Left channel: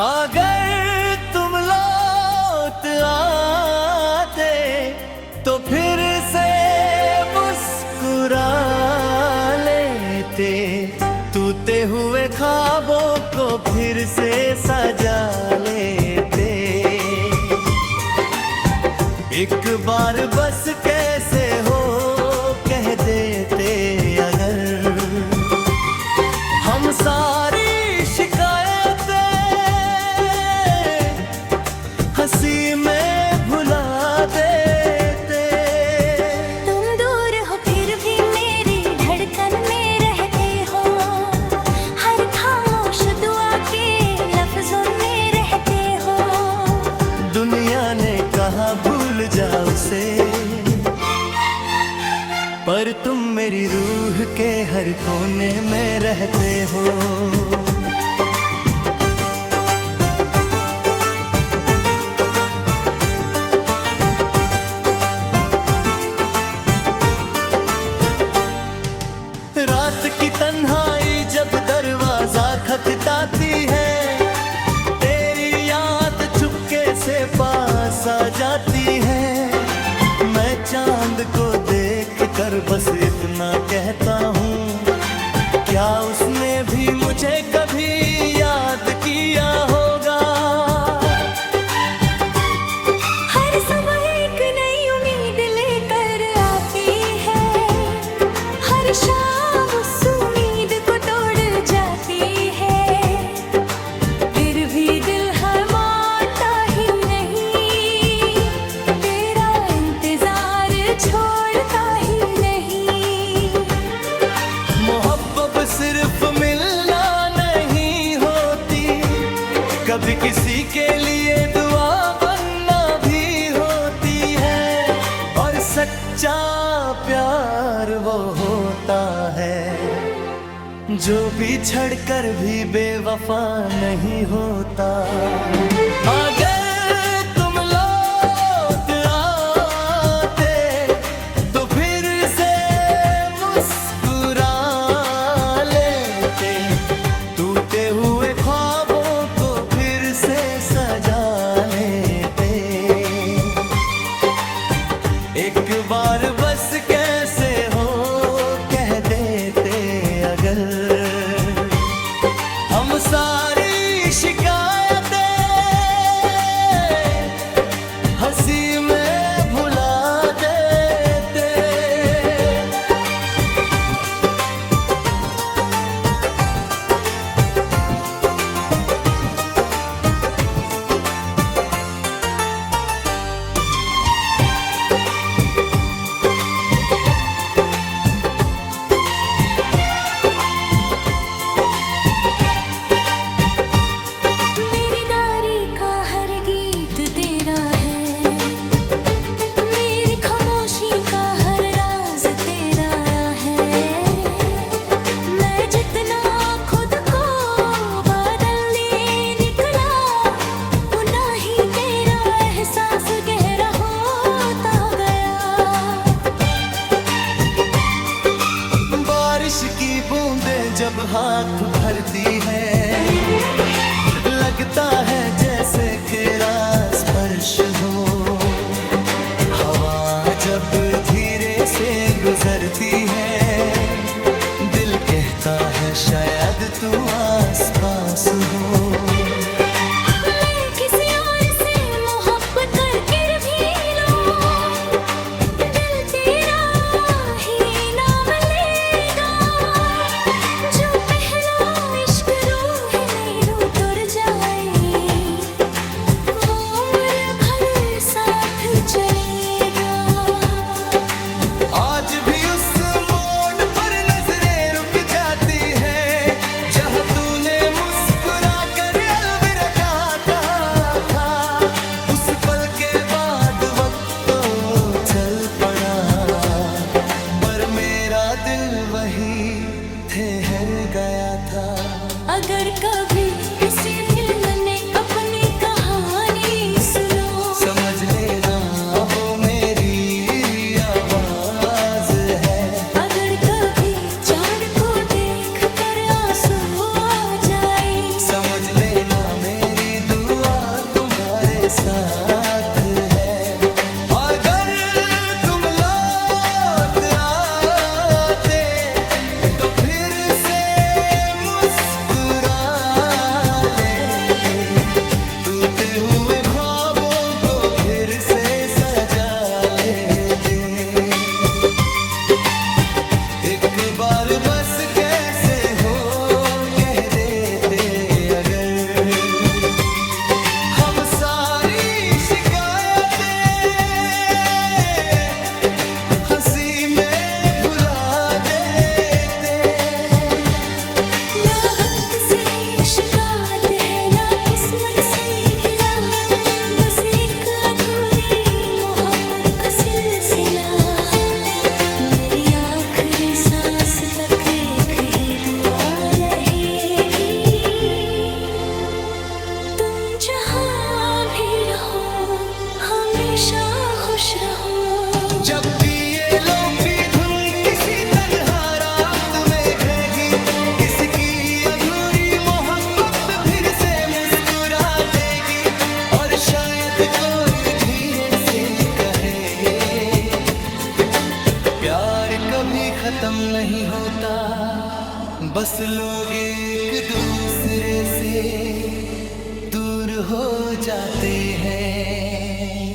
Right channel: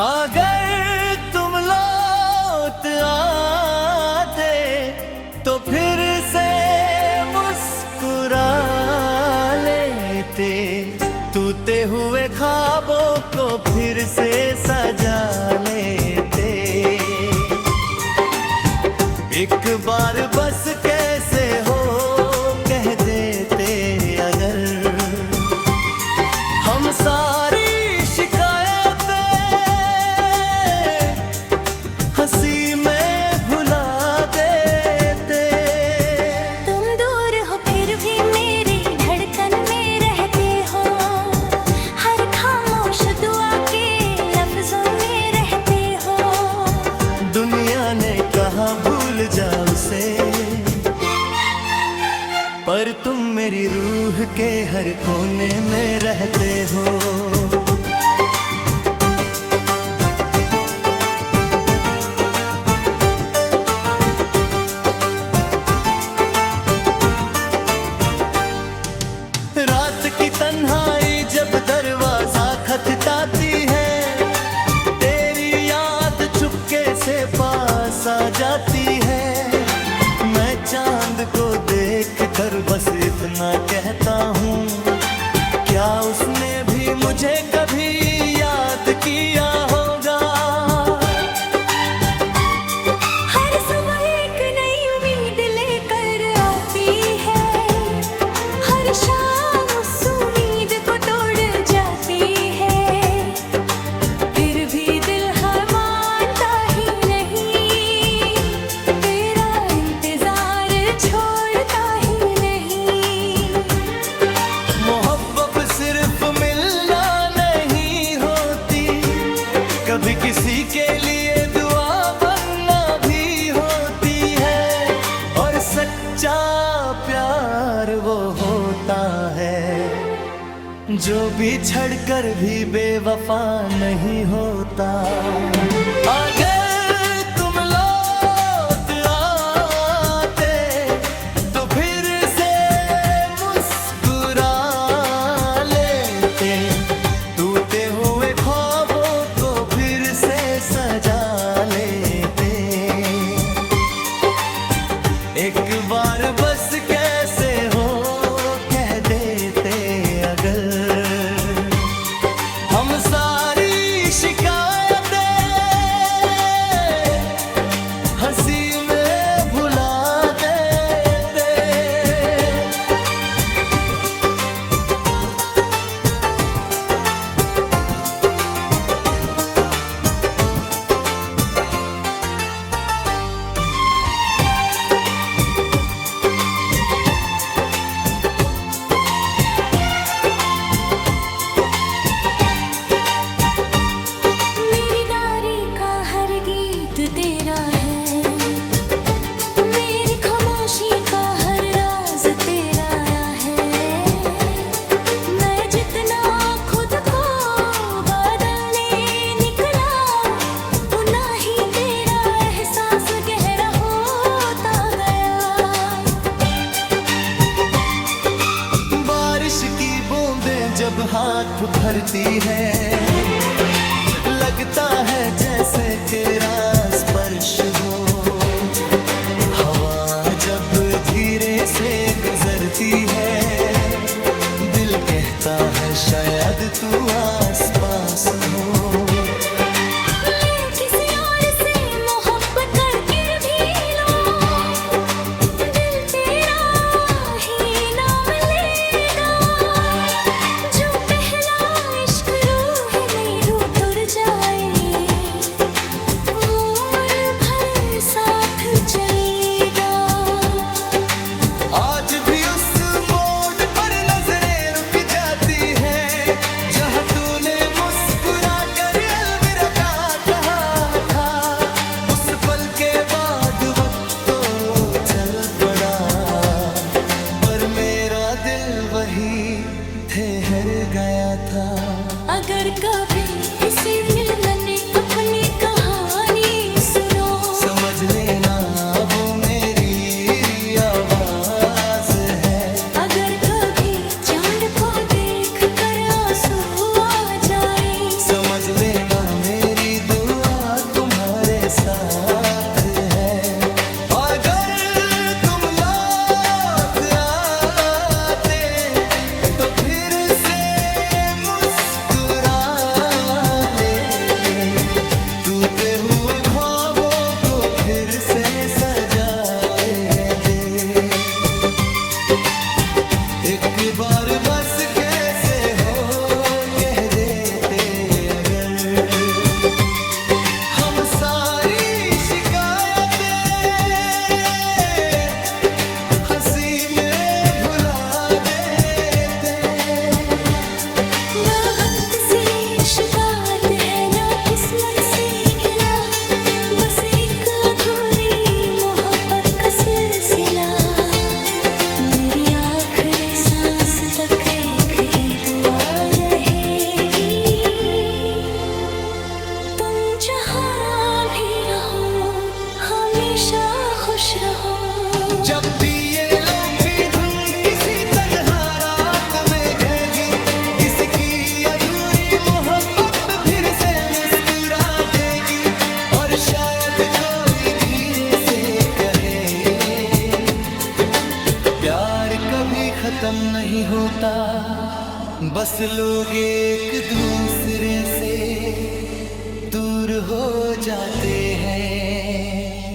अगर तुम लौट आते तो फिर से मुस्कुरा लेते, टूटे हुए ख्वाबों को फिर से सजा लेते। एक बार बस कैसे हो कह देते अगर, हम सारी शिकायतें हंसी में भुला देते। तुम दूर हो फिर भी मेरी धड़कन में रहते हो, हर खामोश दुआ के लफ्जों में रहते हो। दुनिया ने कहा भूल जाओ उसे, पर तुम मेरी रूह के हर कोने में रहते हो। रात की तन्हाई जब दरवाजा खटखटाती है, तेरी याद चुपके से पास आ जाती है। मैं चांद को देख कर बस इतना कहता हूँ, क्या उसने भी मुझे कभी याद किया होगा। हर सुबह एक नई उम्मीद लेकर आती है, हर शाम उस उम्मीद को तोड़ जाती है। फिर भी दिल है मानता ही नहीं, तेरा इंतजार छोड़ता ही नहीं। मोहब्बत सिर्फ मिलना नहीं होती, कभी किसी के लिए दुआ बनना भी होती है। और सच्चा प्यार वो होता है जो बिछड़ कर भी बेवफा नहीं होता। अगर तुम लौट आते तो फिर से मुस्कुरा लेते, टूटे हुए ख्वाबों को फिर से सजा लेते। एक बार बस कैसे हो कह देते अगर, हम सारी शिकायतें हंसी में भुला देते। मेरी दारी का हर गीत तेरा है, मेरी खामोशी का हर राज तेरा है। मैं जितना खुद को बदलने निकला, उतना ही तेरा एहसास गहरा होता गया। बारिश की बूंदें जब हाथ भरती है, लगता है जैसे तेरा स्पर्श हो। हवा जब धीरे से गुजरती है, दिल कहता है शायद तू आसपास हो। मैं किसी और से मोहब्बत करके भी लूं, दिल तेरा ही नाम लेगा। जो पहला इश्क रूह में उतर जाए, वो उम्र भर साथ चलेगा। आज भी उस मोड़ पर नजरें रुक जाती हैं, जहाँ तूने मुस्कुरा कर अलविदा कहा था। उस पल के बाद वक्त तो चल पड़ा, पर मेरा दिल वही ठहर गया था। अगर कभी किसी मिलन ने अपनी कहानी सुनो, समझ लेना वो मेरी आवाज है। अगर कभी चांद को देख कर आंसू आ जाए, समझ लेना मेरी साथ है। अगर तुम लौट आते तो फिर से मुस्कुरा लेते, टूटे हुए ख्वाबों को फिर से सजा लेते। एक बार बस कैसे हो कह देते अगर, हम सारी शिकायतें हंसी में भुला देते। ना वक्त से शिकायत है ना किस्मत से गिला, बस एक अधूरी मोहब्बत का सिलसिला। मेरी आखिरी सांस तक एक ही दुआ रहेगी, तुम जहां भी रहो हमेशा खुश रहो। जब भी ये लोफी धुन किसी तन्हा रात में गएगी, किसकी अधूरी मोहब्बत फिर से मुस्कुरा देगी। और शायद कोई धीरे से कहे, प्यार कभी खत्म नहीं होता, बस लोग एक दूसरे से दूर हो जाते हैं।